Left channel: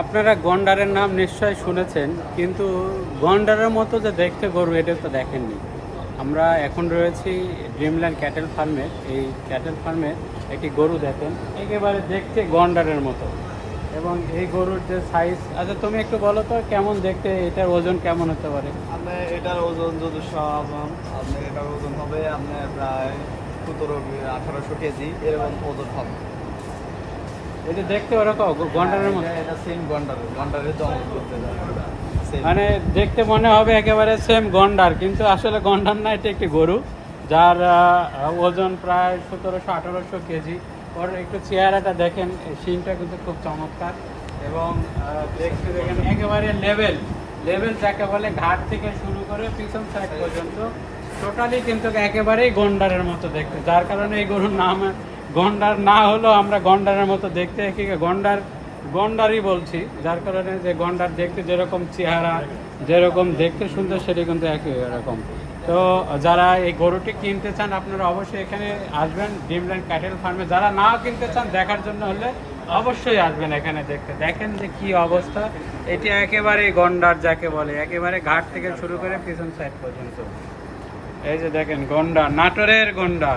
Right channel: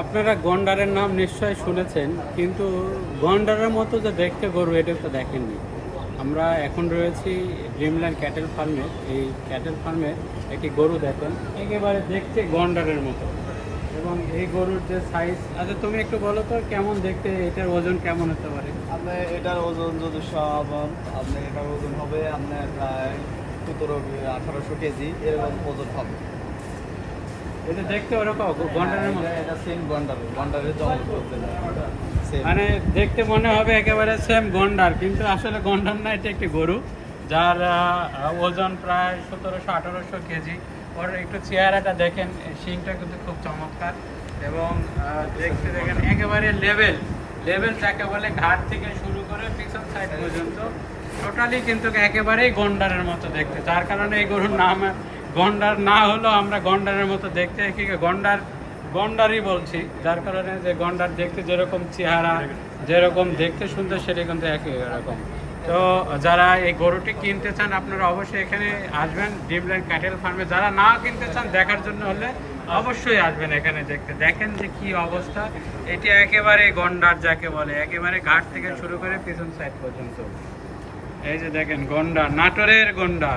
আপনারা গন্ডারের নাম নিশ্চয় শুনেছেন, কিন্তু গন্ডারের মতো যে দেখতে গরু এটা তো দেখেননি। আমরা এখন রয়েছি ড্রিমল্যান্ড ক্যাটেল ফার্মে। এই ক্যাটেল ফার্মে একটি গরু দেখেন, একেবারে দেখতে গন্ডারের মতো। এবং এই গরুর যে সাইজ, আচ্ছা তুমি একটু বলো তো কেমন দেখতে, এটার ওজন কেমন হতে পারে? আপনি এটার ওজন যদি সব আপনি এটার ওজন হবে আপনার প্রায় 17-1800 কেজি এরকম ওজন হবে। এটা দেখতে ওরকম গন্ডারের মতো, এটা সেম গন্ডারের জঙ্গল করতে যায় Same। মানে দেখতে মনে হবে একেবারে সেম গন্ডার, কিন্তু আসলে গন্ডার না, এটা একটি গরু যার ওজন প্রায় 1700-1800 কেজি। ওর একটু চেহারাটা দেখেন, শিংটা কিন্তু খুব চমৎকার। এবং দেখতে দেখেন একেবারে লেভেল লেভেল যাকে বলে, ঘাট থেকে শুরু করে পিছন সাইড পর্যন্ত টোটালি কিন্তু একেবারেই গন্ডারের মতো দেখতে, যার কারণে এই গরুর নাম গন্ডার না হলেও আমরা গন্ডারের মতো দেখতে গন্ডারই বলছি, যার কারণে যে গন্ডার দেখতে যেরকম চেহারা, যেরকম দেখতে সুন্দর, সেটা কিন্তু একই রকম। তো যারা এই গরুটি কিনতে চান আপনারা অবশ্যই এখানে আসবেন ড্রিমল্যান্ড ক্যাটেল ফার্মে। যারা না কিনতে চান, দেখার জন্য হলে অবশ্যই আসবেন এখানে দেখতে। দেখেন যে কি অবস্থা, এটি একেবারে গন্ডার যাকে বলে, একেবারে ঘাট থেকে শুরু করে পিছন সাইড পর্যন্ত। এই যে দেখেন গন্ডার, নাটোরের গন্ডার।